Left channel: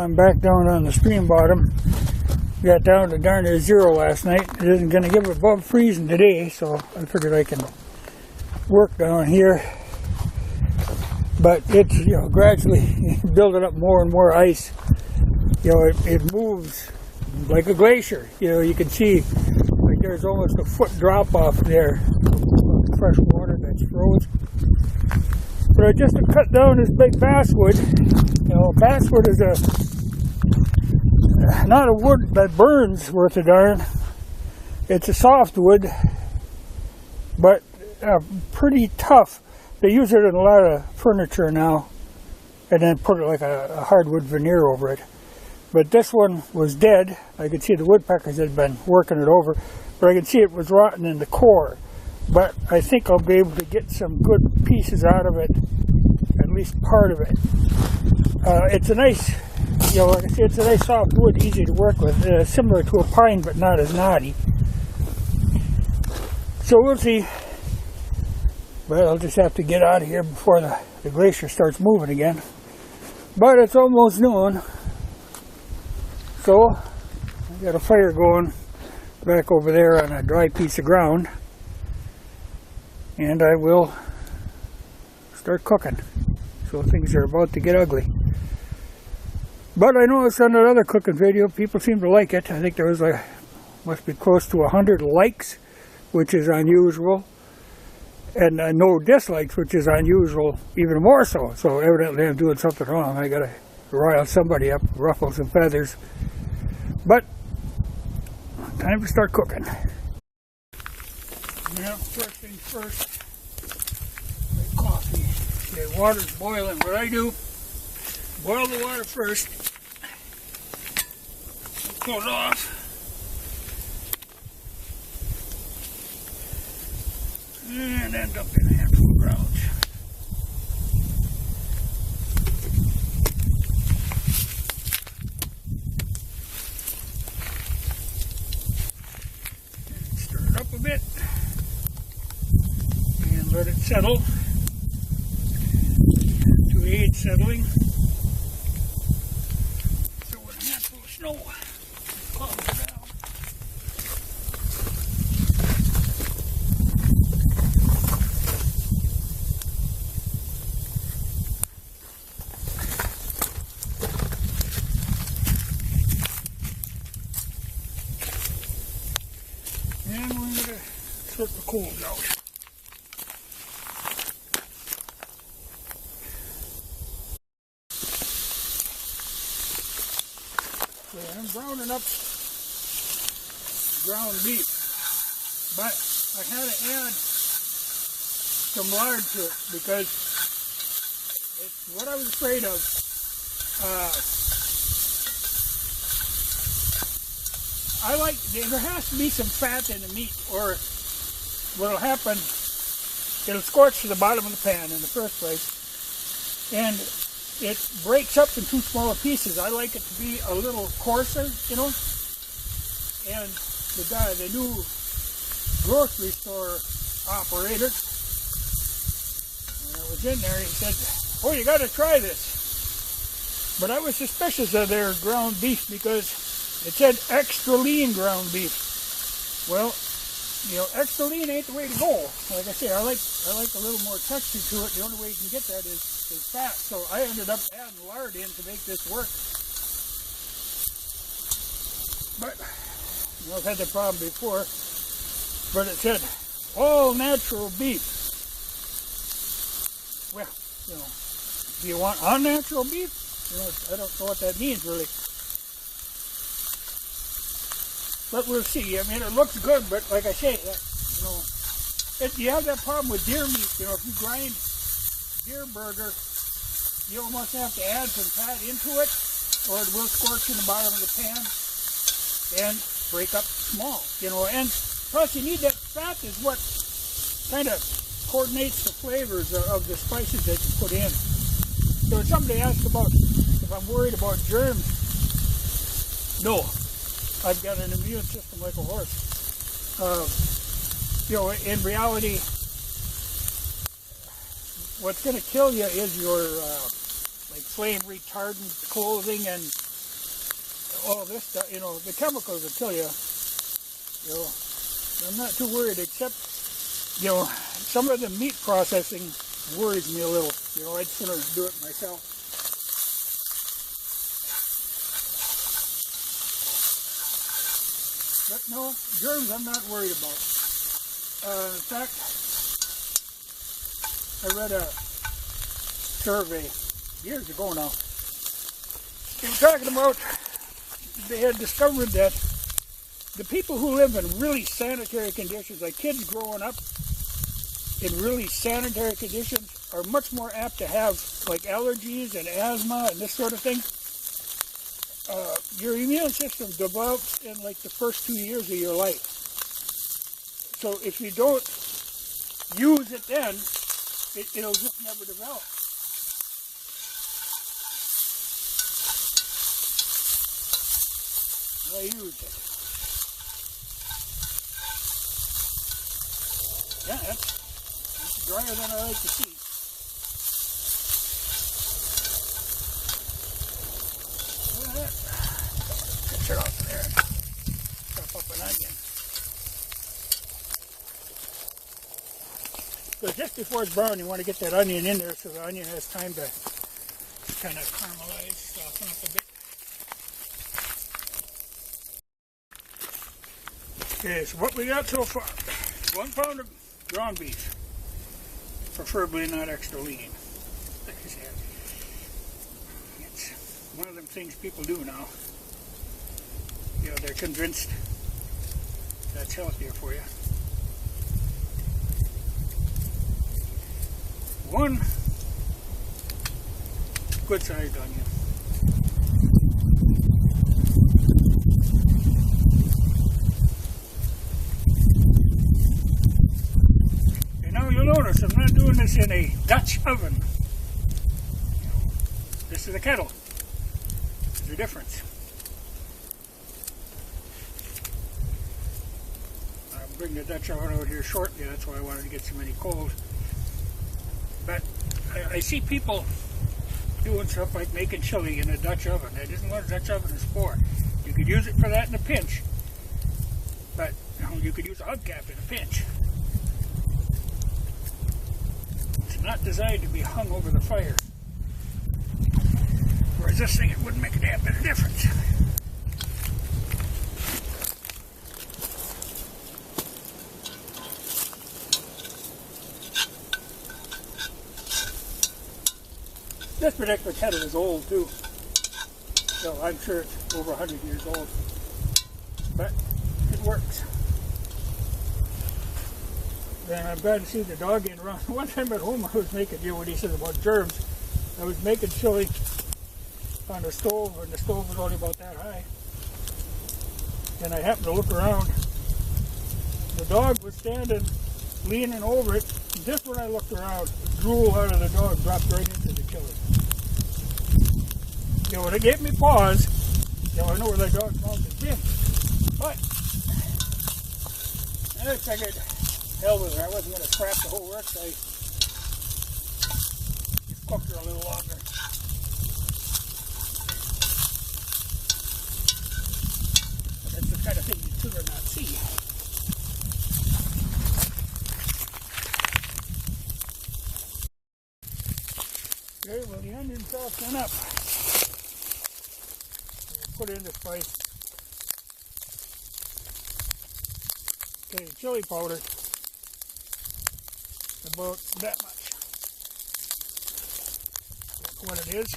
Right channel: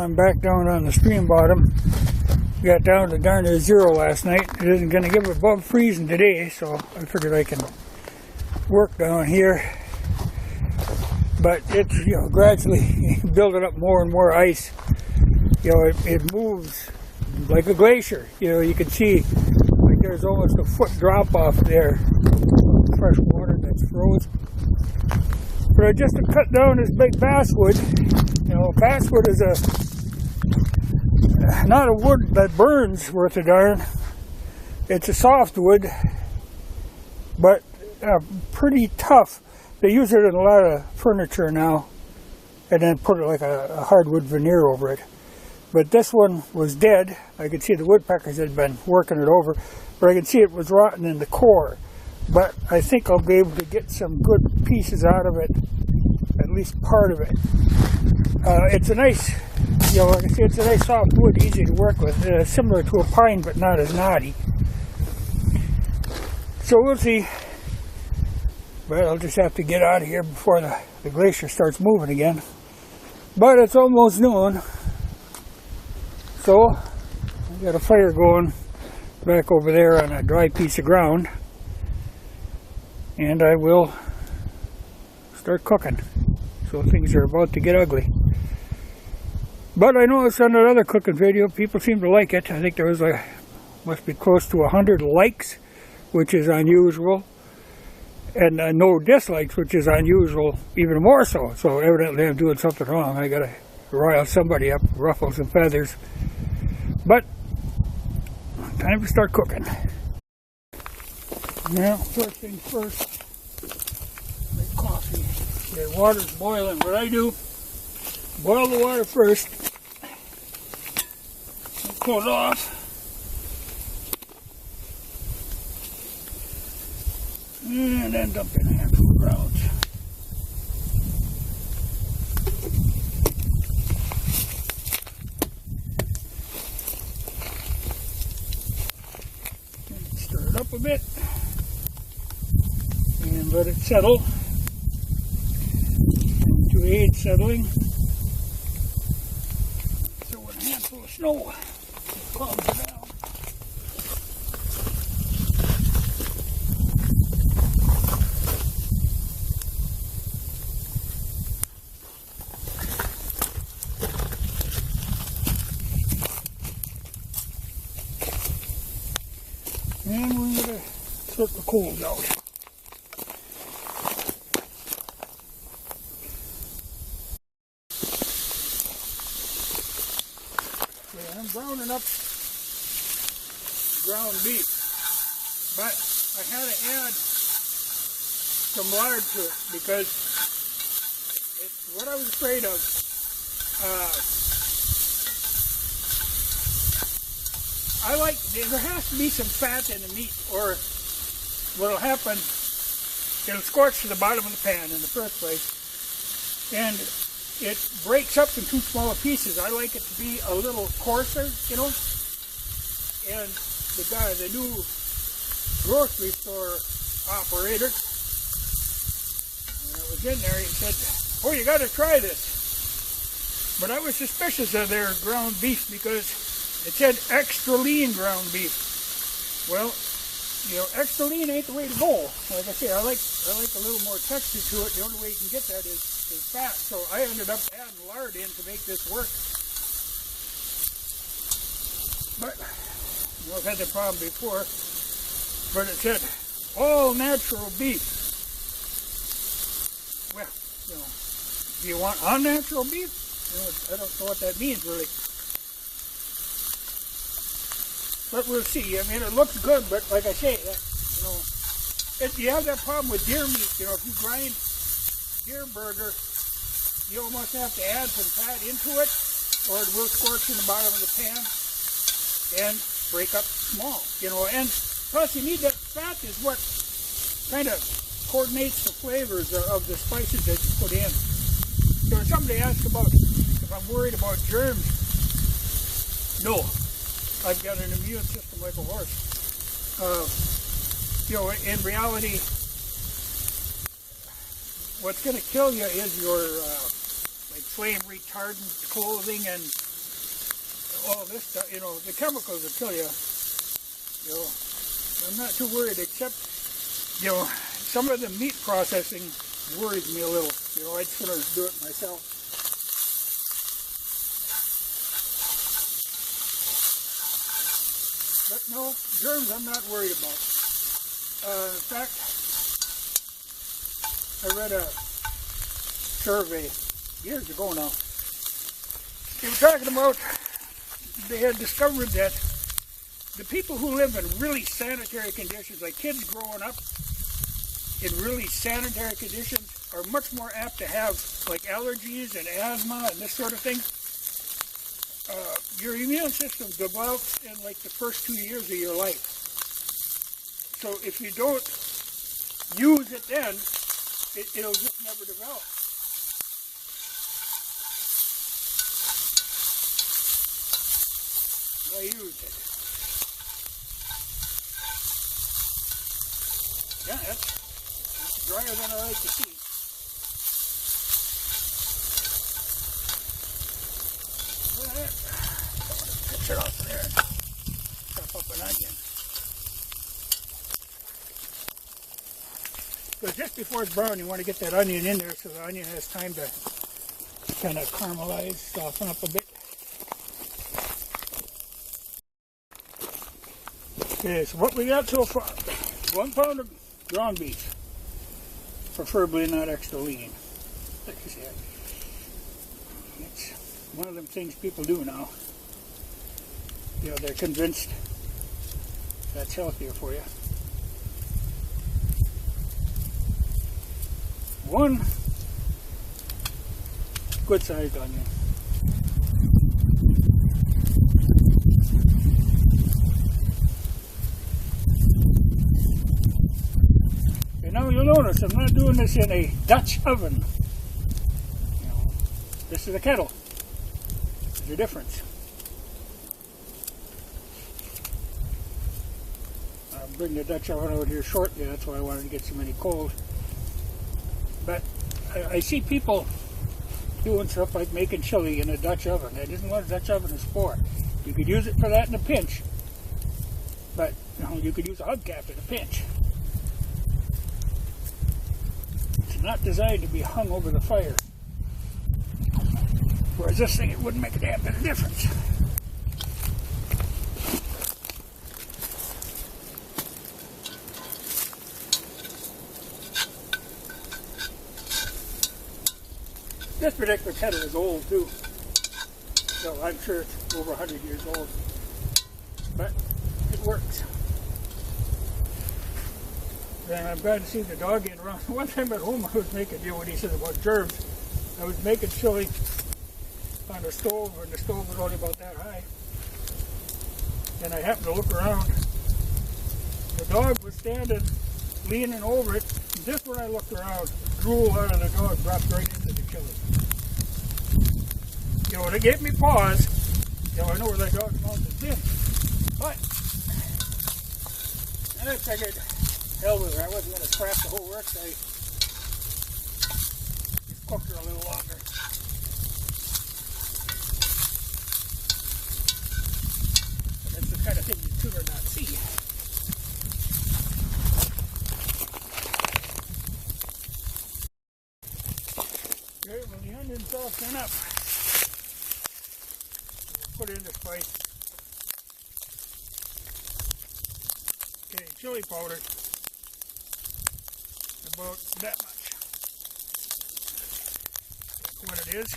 I'm back down on the stream bottom. Got down to darn near 0 last night. It isn't going to get above freezing today, so I figured I can work down here. But it's, gradually building up more and more ice. It moves like a glacier. You can see like there's almost a foot drop off there of fresh water that's froze. But I just cut down this big basswood. Basswood is not a wood that burns worth a darn. It's a soft wood, but pretty tough. They use it in a lot of furniture now, and then put it like a hardwood veneer over it. But this one was dead. I could see the woodpeckers had been working it over, but I could see it was rotten in the core. But I think I'll be able to get some good pieces out of it, at least part of it. It's a nice, like I say, it's a nice soft wood, easy to work with, similar to a pine, but not as knotty. So we'll see. But I'll just have to get out of here before the glacier starts moving again. But it's almost noon. So I got a fire going back over there on a dry piece of ground. And I will start cooking. So things are about to get ugly. But I noticed on another cooking video, people seem to like it. I think there was must be close to 100 likes, which is unusual. And no dislikes, which is unusual, even more so. So evidently I'm doing something wrong. I gotta rile somebody up, ruffle some feathers. But time to start cooking. Now, first things first, make coffee. Okay, water's boiling. What I do, boil the water first, cool it off. And then dump in a handful of grounds. And stir it up a bit. And let it settle. And to aid settling, throw in a handful of snow. Just calms it down. And we're going to sort the coals out. Okay, I'm browning up ground beef, but I had to add some lard to it because it's what I was afraid of. There has to be some fat in the meat, or what'll happen, it'll scorch to the bottom of the pan in the first place, and it breaks up in too small pieces. I like it to be a little coarser, and the new grocery store operator, when I was in there, he said, "Oh, you got to try this." But I was suspicious of their ground beef because it said extra lean ground beef. Well, extra lean ain't the way to go. Like I say, I like a little more texture to it. The only way you can get that is fat. So I ended up adding lard in to make this work. But I've had that problem before. But it said all natural beef. Well, do you want unnatural beef? I don't know what that means really. But we'll see. I mean, it looks good, but like I say, if you have that problem with deer meat, if you grind deer burger, you almost have to add some fat into it, or it will scorch in the bottom of the pan and break up small, and plus you need that fat is what kind of coordinates the flavors of the spices that you put in. So somebody asked about if I'm worried about germs. No. I've got an immune system like a horse. In reality, what's going to kill you is your like flame retardant clothing and all this stuff, you know, the chemicals will kill you. You know, I'm not too worried, except, you know, some of the meat processing worries me a little. You know, I'd sooner do it myself. But no, germs I'm not worried about. In fact, I read a survey years ago now. They were talking about, they had discovered that the people who live in really sanitary conditions, like kids growing up in really sanitary conditions, are much more apt to have like allergies and asthma and this sort of thing. Your immune system develops in like the first 2 years of your life. So if you don't use it then, it'll just never develop. I used it. Yeah, that's drier than I like to see. Look at that. Pitch it off there and chop up an onion. Because just before it's brown, you want to get that onion in there so the onion has time to kind of caramelize, soften up a bit. Okay, so what we got so far, 1 pound of ground beef, preferably not extra lean. It's one of them things people do now. You know, they're convinced that's healthier for you. 1 good-sized onion. Now you'll notice I'm not doing this in a Dutch oven. You know, this is a kettle. There's the difference. I'll bring the Dutch oven out here shortly. That's why I wanted to get so many cold. But I see people doing stuff like making chili in a Dutch oven. That isn't what a Dutch oven is for. You could use it for that in a pinch. But you know, you could use a hubcap in a pinch. Not designed to be hung over the fire. Whereas this thing, it wouldn't make a damn bit of difference. This particular kettle is old too. So I'm sure it's over 100 years old. But it works. And I'm glad to see the dog getting around. One time at home I was making, you know what he says about germs. I was making chili on the stove, and the stove was only about that high. And I happened to look around. The dog was standing, leaning over it. And just when I looked around, the drool out of the dog dropped right into the chili. You know, it gave me pause. You know, I know where that dog's mouth has been. But I figured, hell with her, I wasn't going to scrap the whole works. I just cooked her a little longer. But that's the kind of thing you'd sooner not see. Okay, well the onion's all done up. We'll put her in the spice. Okay, chili powder. About that much. That's what it is.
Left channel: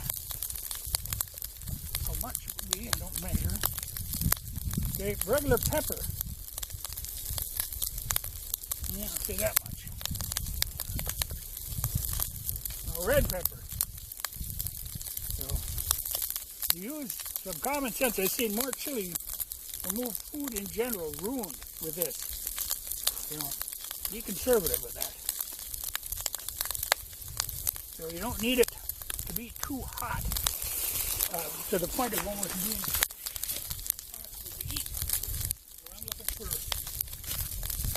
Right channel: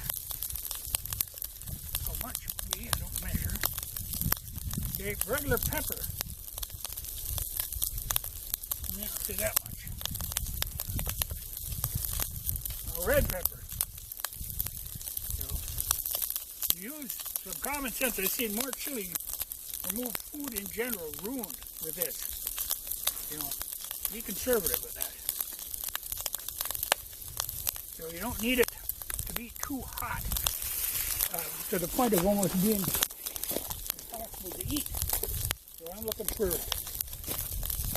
How much it would be, I don't measure. Okay, regular pepper. Yeah, I'll say that much. Now red pepper. So, you use some common sense. I see more chili will move food in general ruined with this. You know, be conservative with that. So you don't need it to be too hot to the point of almost being impossible to eat. So I'm looking for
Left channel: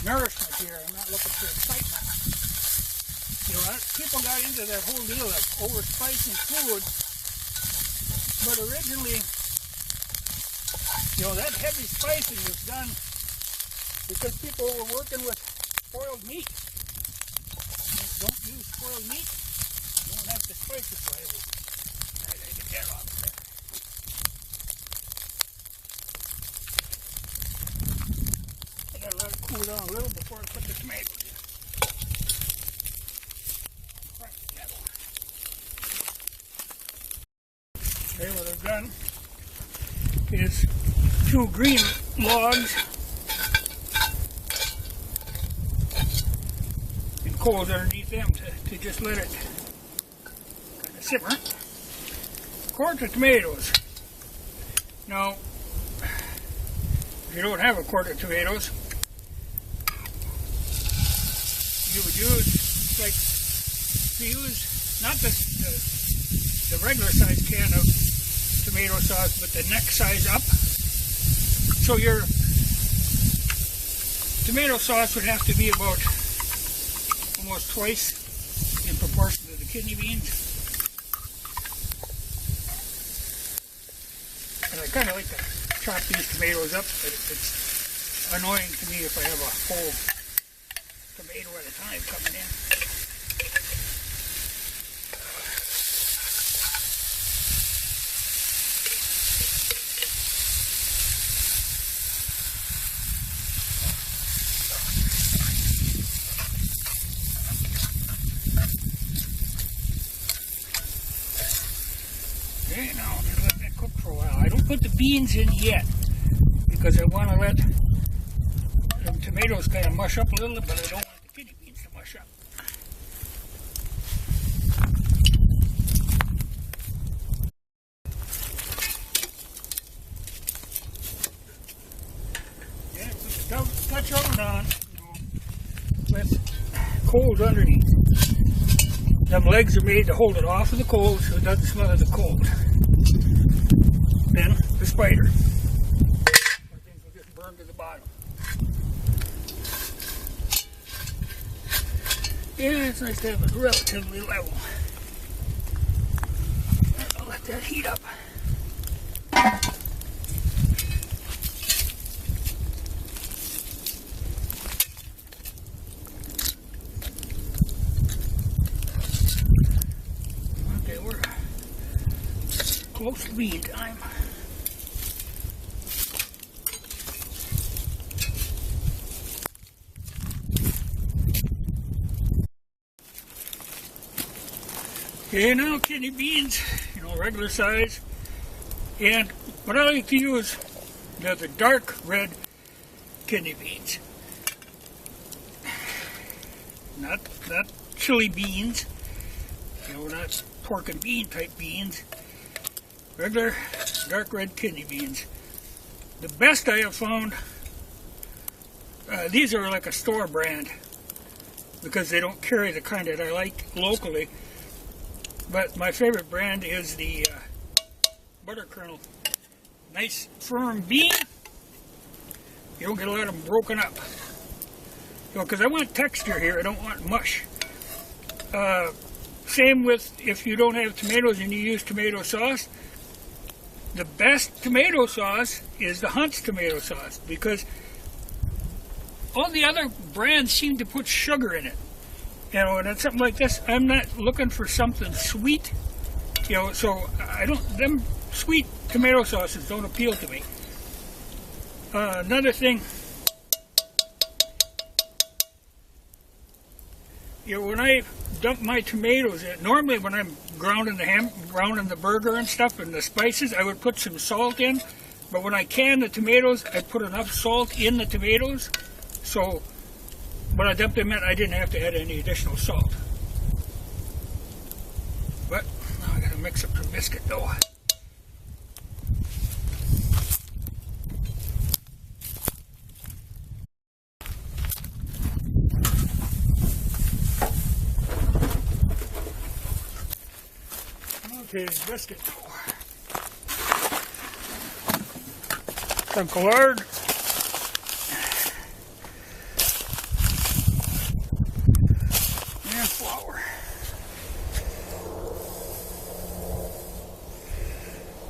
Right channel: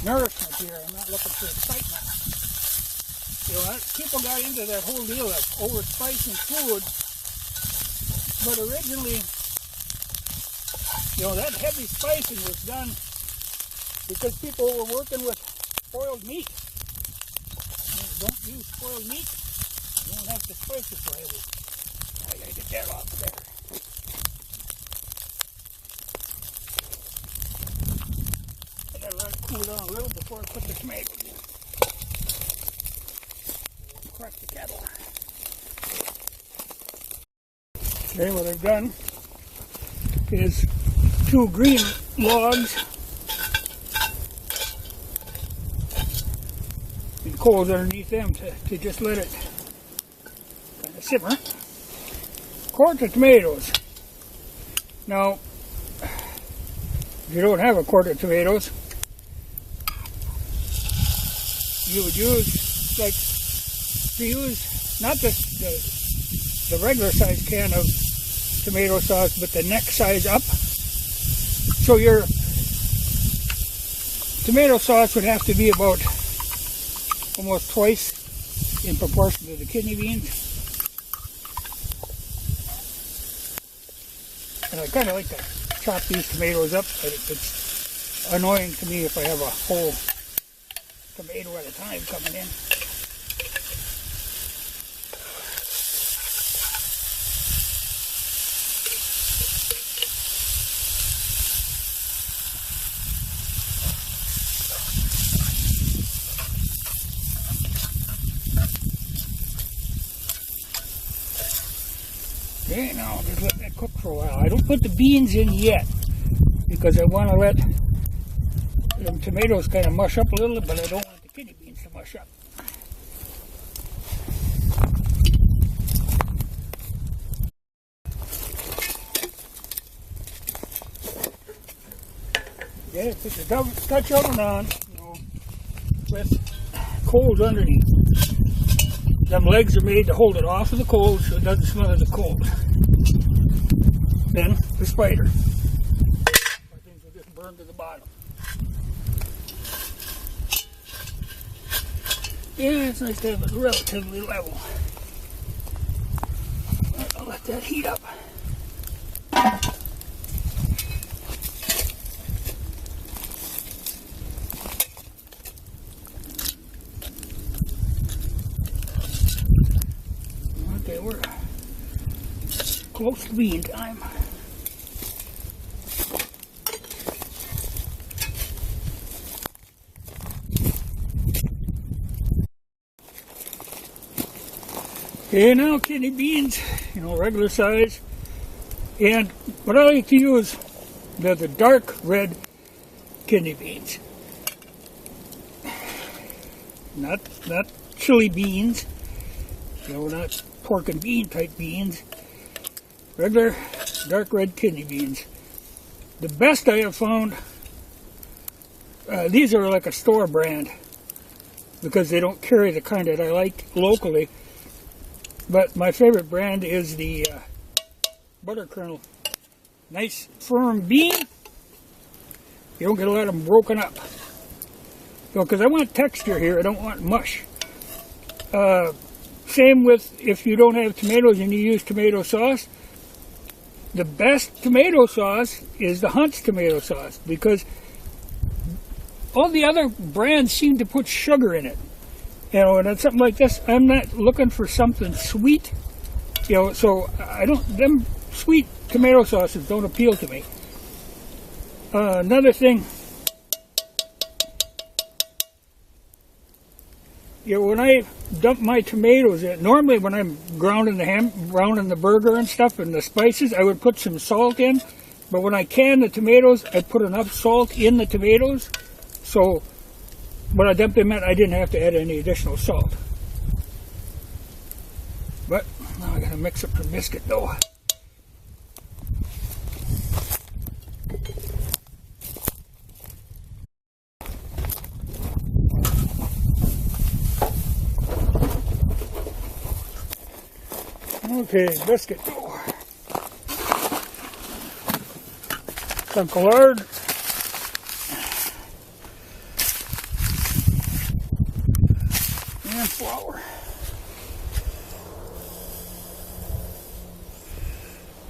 nourishment here. I'm not looking for excitement. You know, people got into that whole deal of over-spicing food, but originally You know, that heavy spicing was done because people were working with spoiled meat. Don't use spoiled meat. You don't have to spice it so heavy. I gotta get that off there. I gotta let it cool down a little before I put the tomatoes in. Crush the kettle. Today what I've done is 2 green logs and coals underneath them to just let it kind of simmer. Quart of tomatoes. Now, if you don't have a quart of tomatoes, you would use not the regular size can of tomato sauce, but the next size up. So your tomato sauce would have to be about almost twice in proportion to the kidney beans. And I kind of like to chop these tomatoes up, but it's annoying to me if I have a whole tomato at a time coming in. Okay, now just let that cook for a while. I don't put the beans in yet because I want to let them tomatoes kind of mush up a little, but I don't want the kidney beans to mush up. Okay, put the Dutch oven on, with coals underneath. Them legs are made to hold it off of the coals so it doesn't smell of the coals. Then the spider. Things will just burn to the bottom. Yeah, it's nice to have it relatively level. I'll let that heat up. Okay, we're close to bean time. Okay, now kidney beans, regular size. And what I like to use, they're the dark red kidney beans. Not chili beans, not pork and bean type beans. Regular dark red kidney beans. The best I have found, these are like a store brand because they don't carry the kind that I like locally. But my favorite brand is the butter kernel. Nice firm bean. You don't get a lot of them broken up. Because I want texture here, I don't want mush. Same with if you don't have tomatoes and you use tomato sauce. The best tomato sauce is the Hunt's tomato sauce because all the other brands seem to put sugar in it. And it's something like this, I'm not looking for something sweet, so them sweet tomato sauces don't appeal to me. Another thing, when I dump my tomatoes in, normally when I'm grounding the burger and stuff and the spices, I would put some salt in, but when I can the tomatoes, I put enough salt in the tomatoes, so when I dumped them in, I didn't have to add any additional salt. But now I gotta mix up some biscuit dough. Okay, biscuit dough. Some lard. And flour.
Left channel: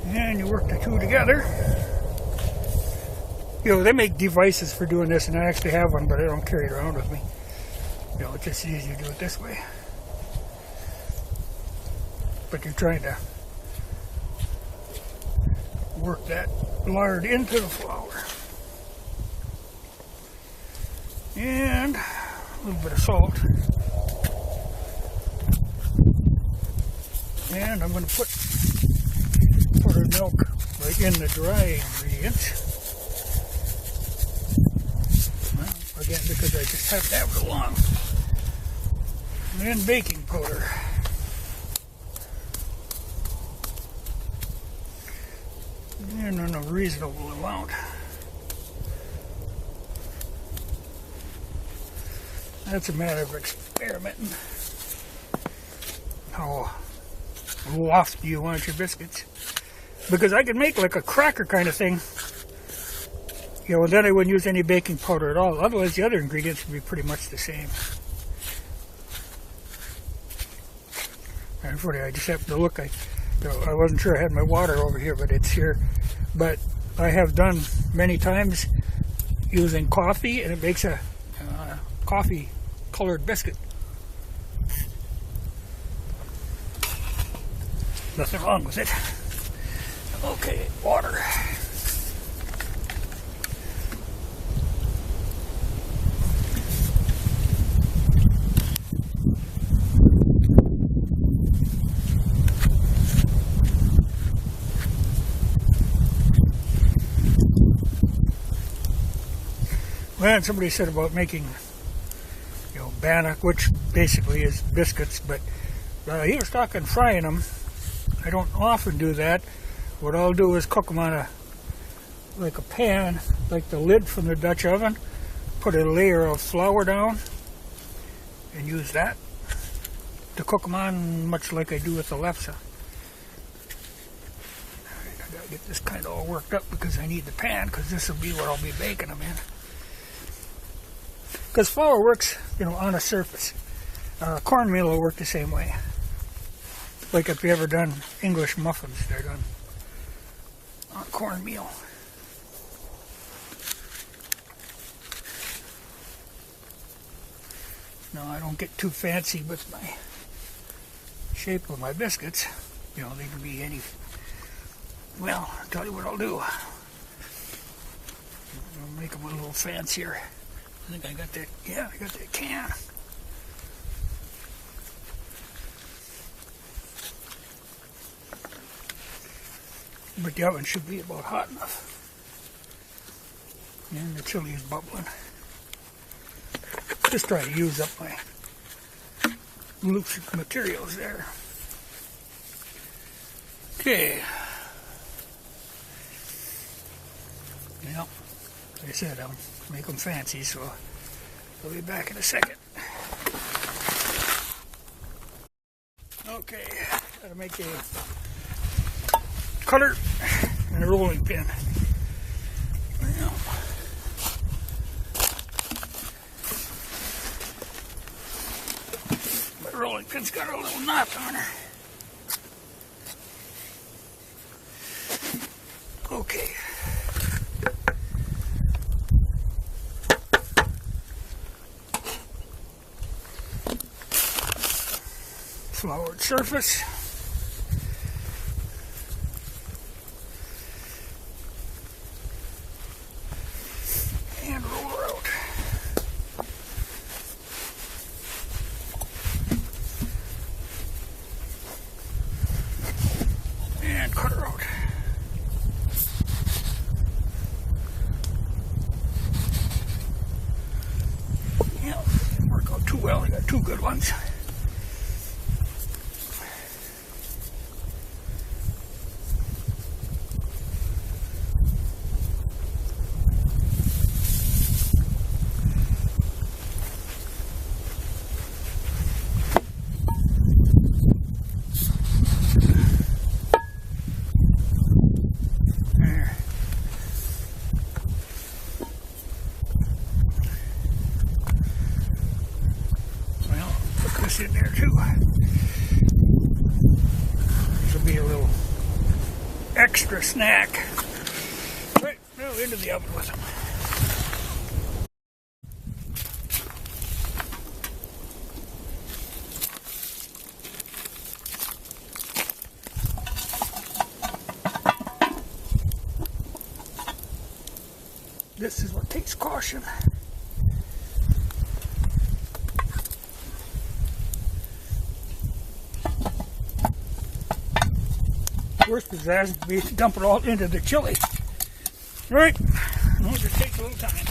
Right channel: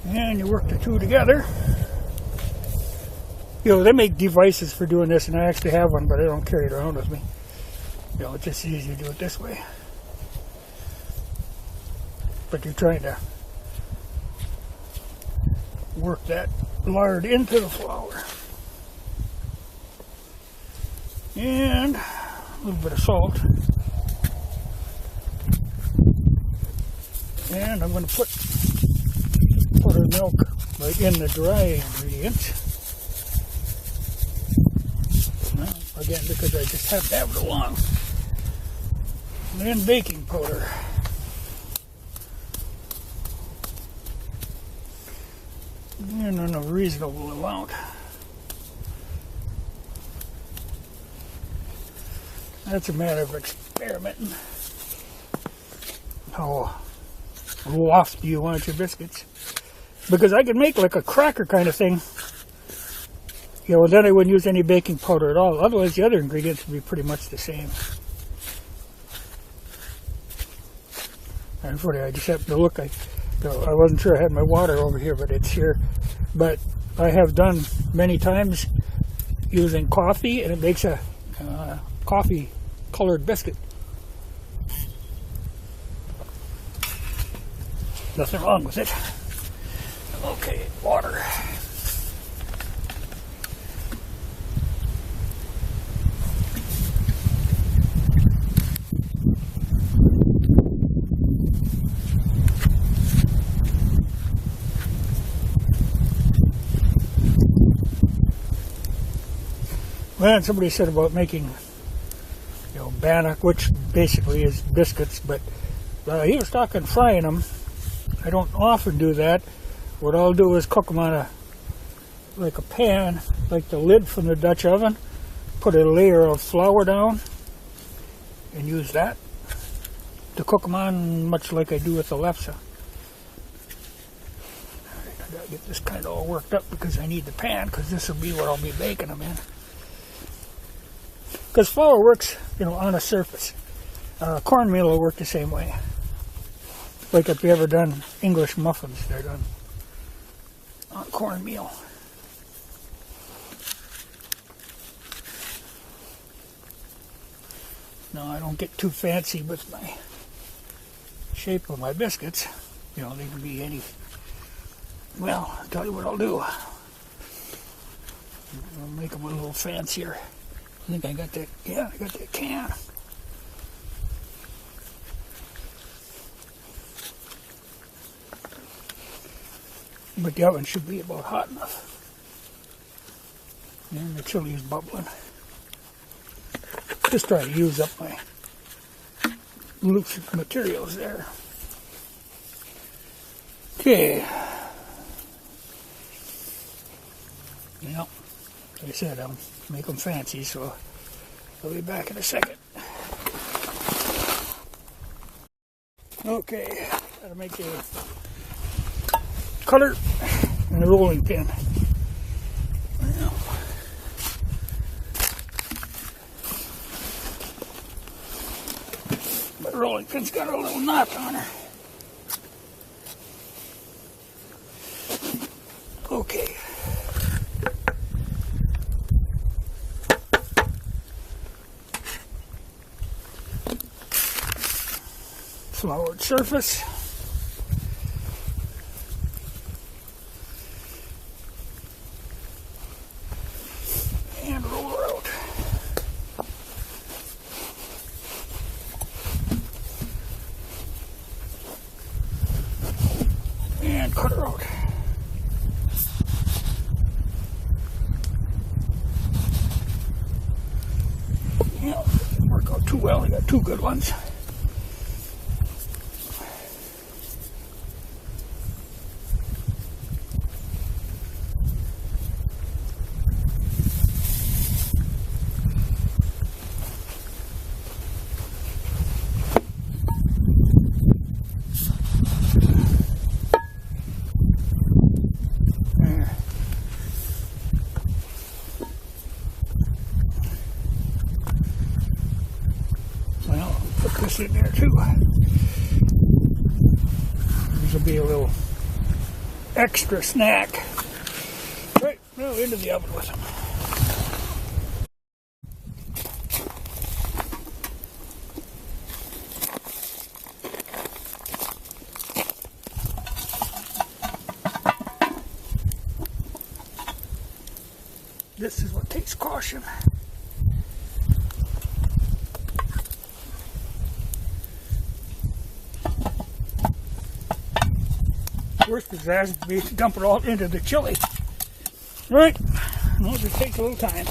And you work the two together. You know, they make devices for doing this, and I actually have one, but I don't carry it around with me. You know, it's just easier to do it this way. But you're trying to work that lard into the flour. And a little bit of salt. And I'm going to put buttered milk right in the dry ingredients. Well, again, because I just have to have it along. And then baking powder. And in a reasonable amount. That's a matter of experimenting. How lofty you want your biscuits. Because I could make like a cracker kind of thing. You know, and then I wouldn't use any baking powder at all. Otherwise, the other ingredients would be pretty much the same. And funny, I just happened to look. I wasn't sure I had my water over here, but it's here. But I have done many times using coffee, and it makes a coffee-colored biscuit. Nothing wrong with it. Okay, water. Well, somebody said about making, you know, bannock, which basically is biscuits, but he was talking frying them. I don't often do that. What I'll do is cook them on like a pan, like the lid from the Dutch oven, put a layer of flour down, and use that to cook them on, much like I do with the lefse. Alright, I gotta get this kind of all worked up because I need the pan, because this will be what I'll be baking them in. Because flour works, you know, on a surface. Cornmeal will work the same way. Like if you ever done English muffins, they're done on cornmeal. Now I don't get too fancy with my shape of my biscuits. You know, they can be any. Well, I'll tell you what I'll do. I'll make them a little fancier. I think I got that. Yeah, I got that can. But the oven should be about hot enough. And the chili is bubbling. Just try to use up my loose materials there. Okay. Well, like I said, I'll make them fancy, so I'll be back in a second. Okay, gotta make a cutter and a rolling pin. Well, my rolling pin's got a little knot on her. Okay. Floured surface. And roll her out. And cut her out. Yeah, didn't work out too well. I got two good ones. Well, I'll put this in there too. This will be a little extra snack. Right, Now into the oven with them. This is what takes caution. Worst is that would be to dump it all into the chili. Right? No, it just takes a little time.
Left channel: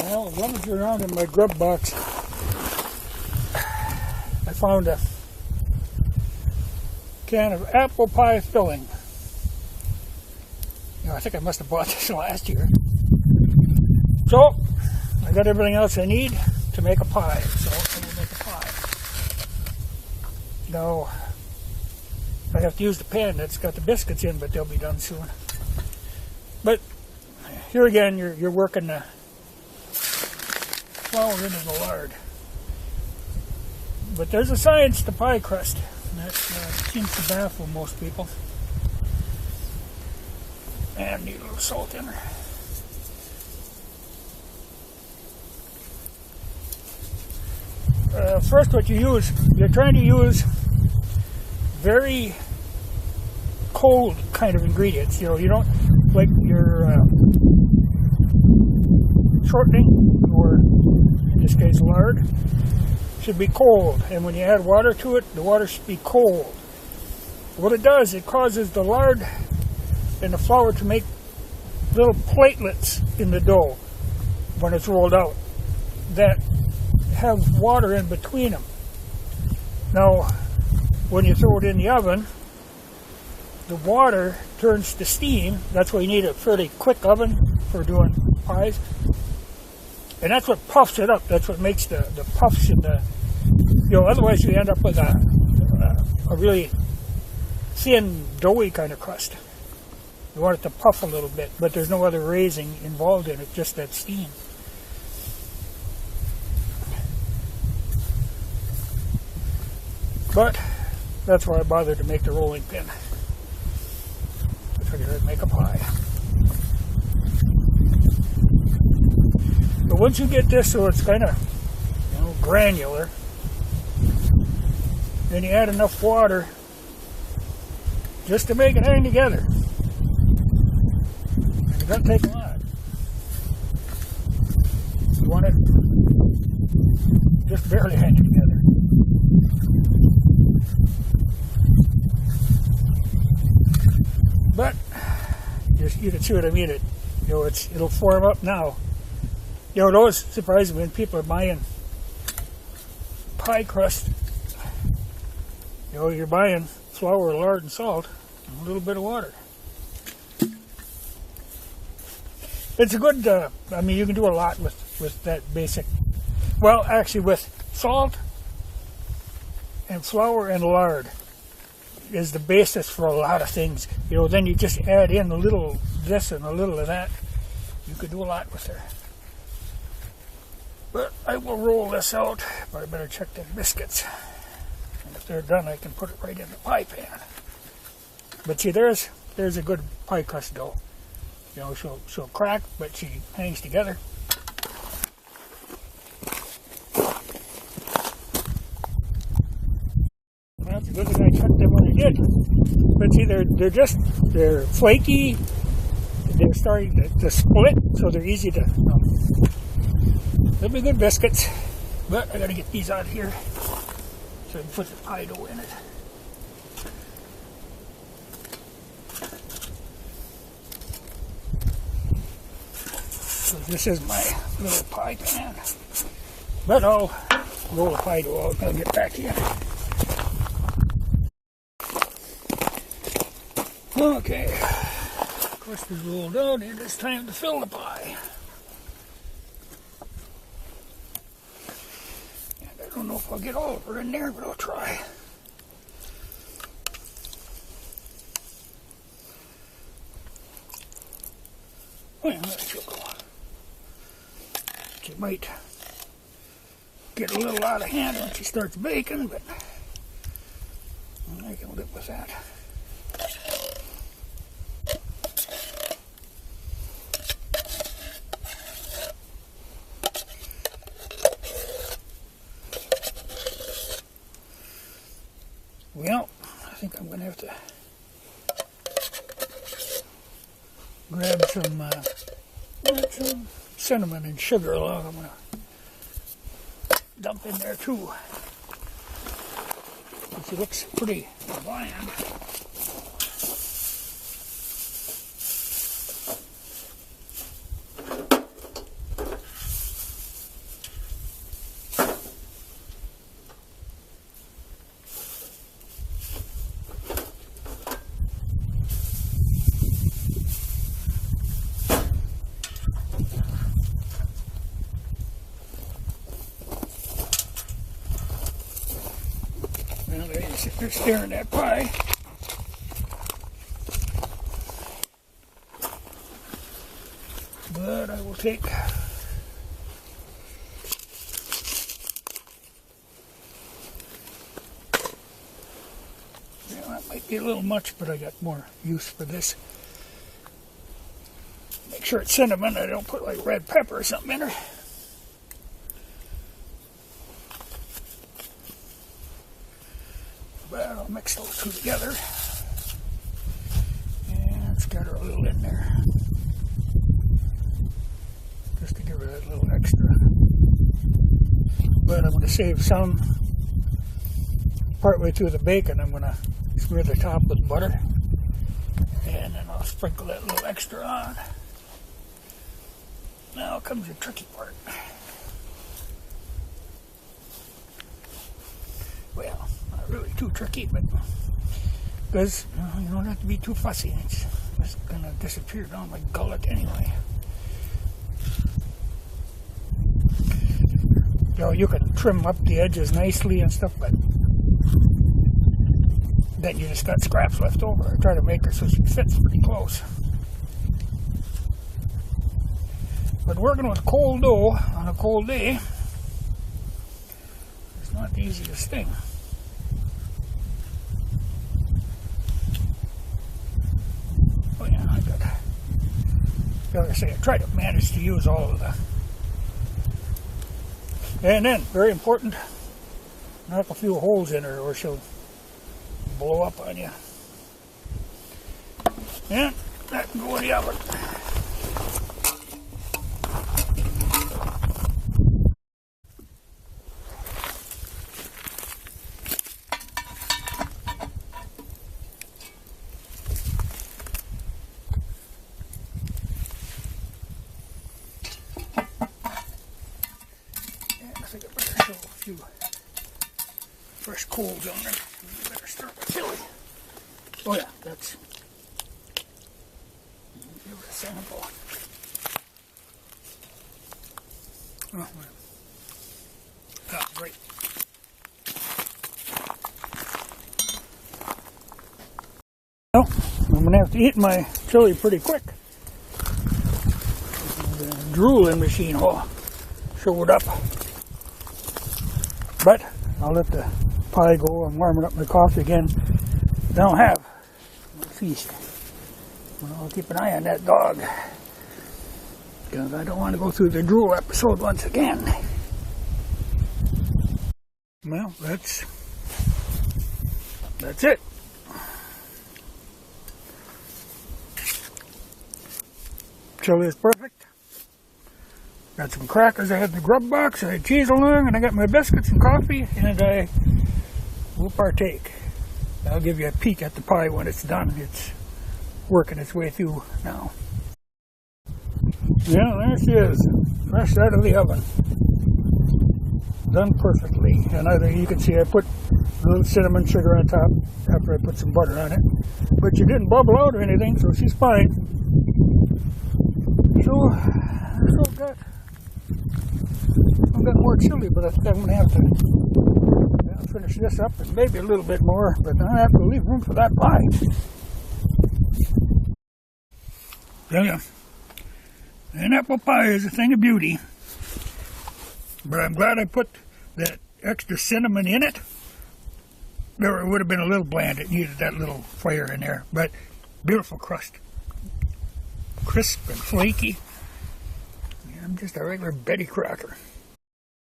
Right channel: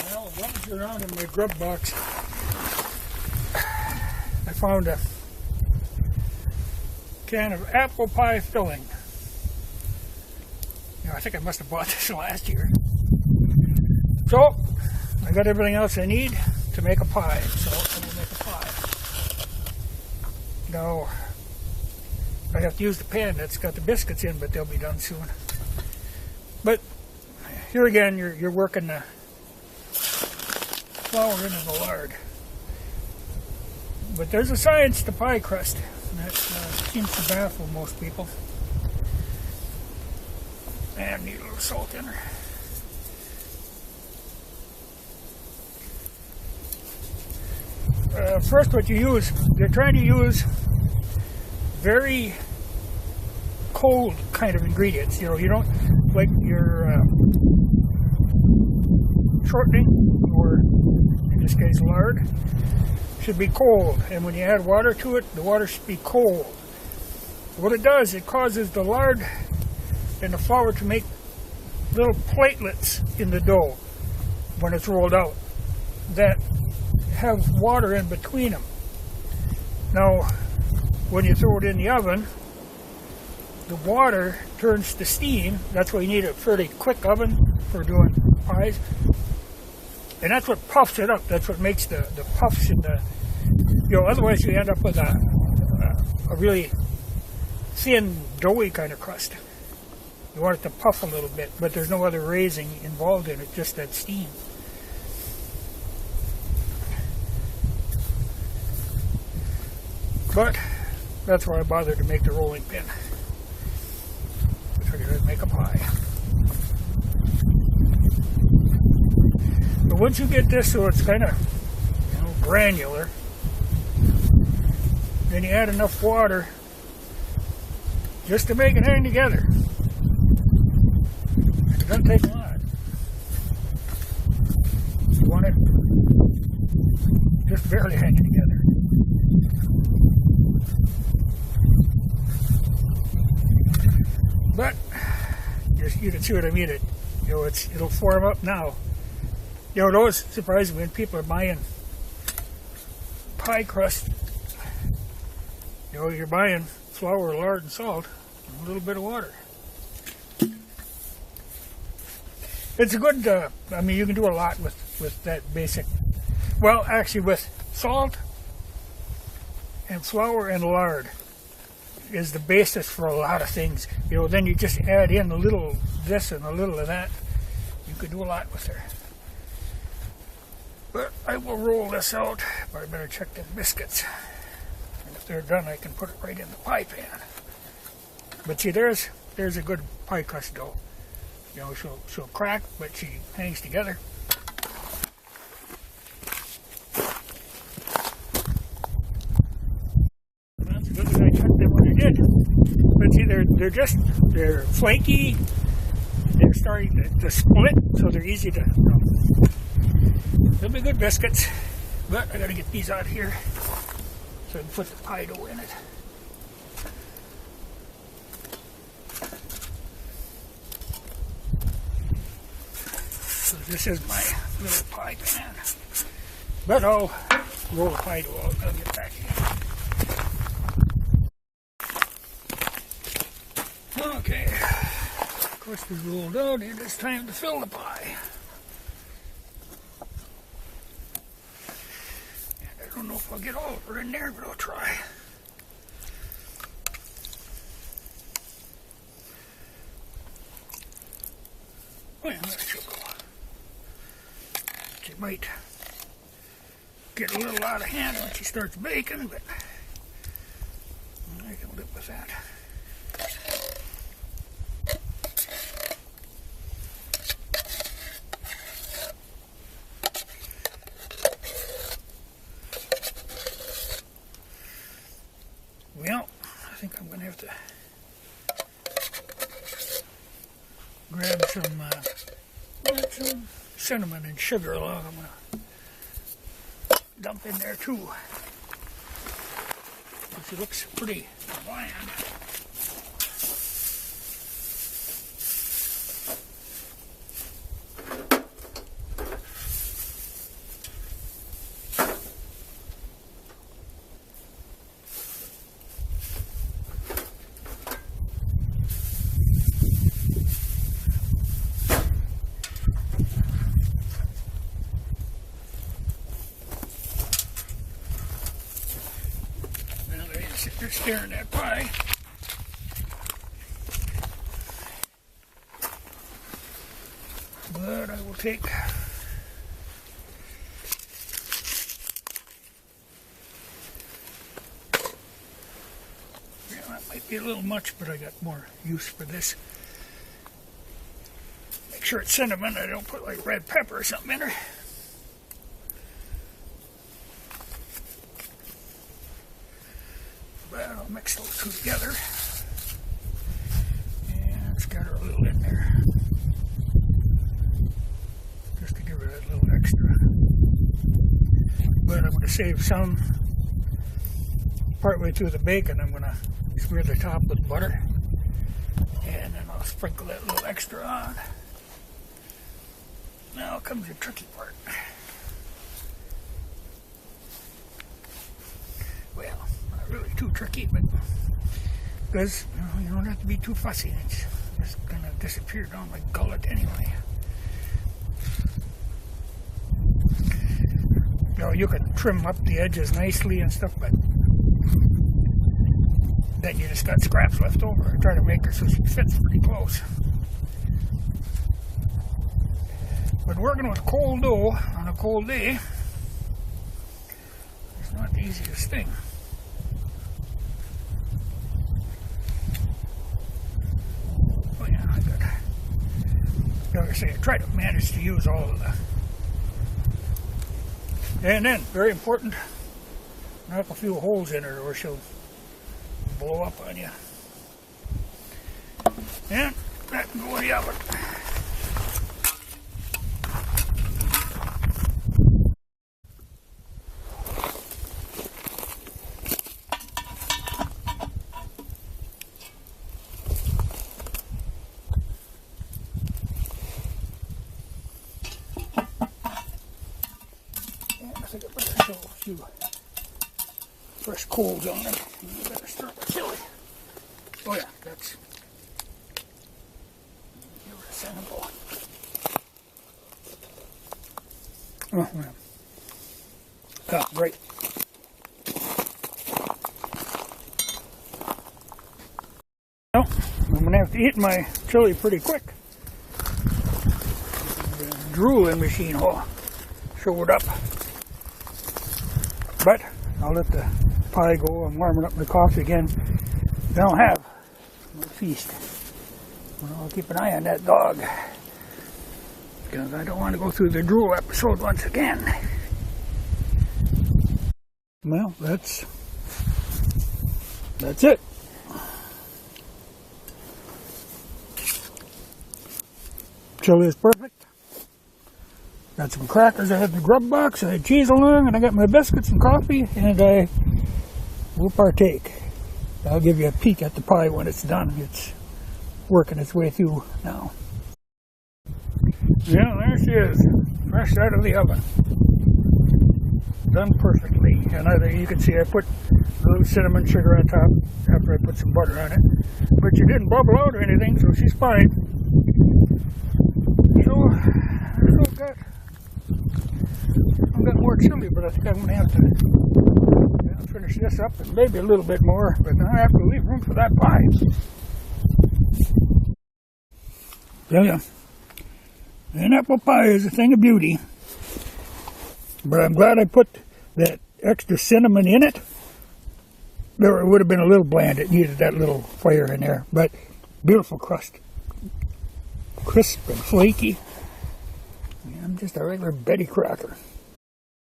Well, rummaging around in my grub box, I found a can of apple pie filling. You know, I think I must have bought this last year. So, I got everything else I need to make a pie. So, I will make a pie. Now, I have to use the pan that's got the biscuits in, but they'll be done soon. But, here again, you're working the flour into the lard. But there's a science to pie crust. That seems to baffle most people. And need a little salt in there. First, what you use, you're trying to use very cold kind of ingredients. You know, you don't like your shortening, or in this case lard, should be cold, and when you add water to it, the water should be cold. What it does, it causes the lard and the flour to make little platelets in the dough when it's rolled out that have water in between them. Now, when you throw it in the oven, the water turns to steam. That's why you need a fairly quick oven for doing pies. And that's what puffs it up. That's what makes the puffs in the, you know, otherwise you end up with a really thin, doughy kind of crust. You want it to puff a little bit, but there's no other raising involved in it, just that steam. But that's why I bothered to make the rolling pin. I figured I'd make a pie. But once you get this so it's kind of, you know, granular, then you add enough water just to make it hang together. And it doesn't take a lot. You want it just barely hanging together. But you can see what I mean. You know, it'll form up now. You know, it always surprises me when people are buying pie crust. You know, you're buying flour, lard, and salt, and a little bit of water. It's a good, I mean, you can do a lot with that basic. Well, actually, with salt and flour and lard is the basis for a lot of things. You know, then you just add in a little of this and a little of that. You could do a lot with there. But I will roll this out, but I better check the biscuits. And if they're done, I can put it right in the pie pan. But see, there's a good pie crust dough. You know, she'll crack, but she hangs together. Well, it's good that I cut them when I did. But see, they're flaky. They're starting to split, so they're easy to, you know. They'll be good biscuits, but I gotta get these out of here so I can put the pie dough in it. So this is my little pie pan. But I'll roll the pie dough out and I'll get back in. Okay, crust is rolled out, and it's time to fill the pie. I don't know if I'll get all of her in there, but I'll try. Oh yeah, there she'll go. She might get a little out of hand once she starts baking, but I can live with that. Well, I think I'm going to have to grab some cinnamon and sugar along. I'm going to dump in there too. It looks pretty bland. Now they're just sitting there staring at that pie. But I will take that might be a little much, but I got more use for this. Make sure it's cinnamon. I don't put like red pepper or something in her. But I'll mix those two together and scatter a little in there just to give her that little extra. But I'm going to save some partway through the bacon. I'm going to smear the top with butter and then I'll sprinkle that little extra on. Now comes the tricky part. Well, not really too tricky, but because you don't have to be too fussy. It's just going to disappear down my gullet anyway. You know, you can trim up the edges nicely and stuff, but then you just got scraps left over. I try to make her so she fits pretty close. But working with cold dough on a cold day is not the easiest thing. Oh yeah, I got, like I say, I try to manage to use all of the. And then, very important, knock a few holes in her or she'll blow up on you. And that can go in the oven. I think I better show a few fresh coals on it. I better start with chili. Oh yeah, that's give it a sample. Oh, yeah, right. Well, I'm gonna have to eat my chili pretty quick. The drooling machine showed up. But I'll let the pie go. I'm warming up my coffee again. I don't have my feast. I'll keep an eye on that dog because I don't want to go through the drool episode once again. Well, that's it. Chili is perfect. Got some crackers I had in the grub box, I had cheese along, and I got my biscuits and coffee, and I will partake. I'll give you a peek at the pie when it's done. It's working its way through now. Yeah, there she is, fresh out of the oven. Done perfectly. And you can see I put a little cinnamon sugar on top after I put some butter on it. But she didn't bubble out or anything, so she's fine. So, I still got more chili, but I think I'm going to have to finish this up and maybe a little bit more, but I have to leave room for that pie. Yeah. An apple pie is a thing of beauty, but I'm glad I put that extra cinnamon in it. It would have been a little bland. It needed that little fire in there. But beautiful crust. Crisp and flaky. I'm just a regular Betty Crocker.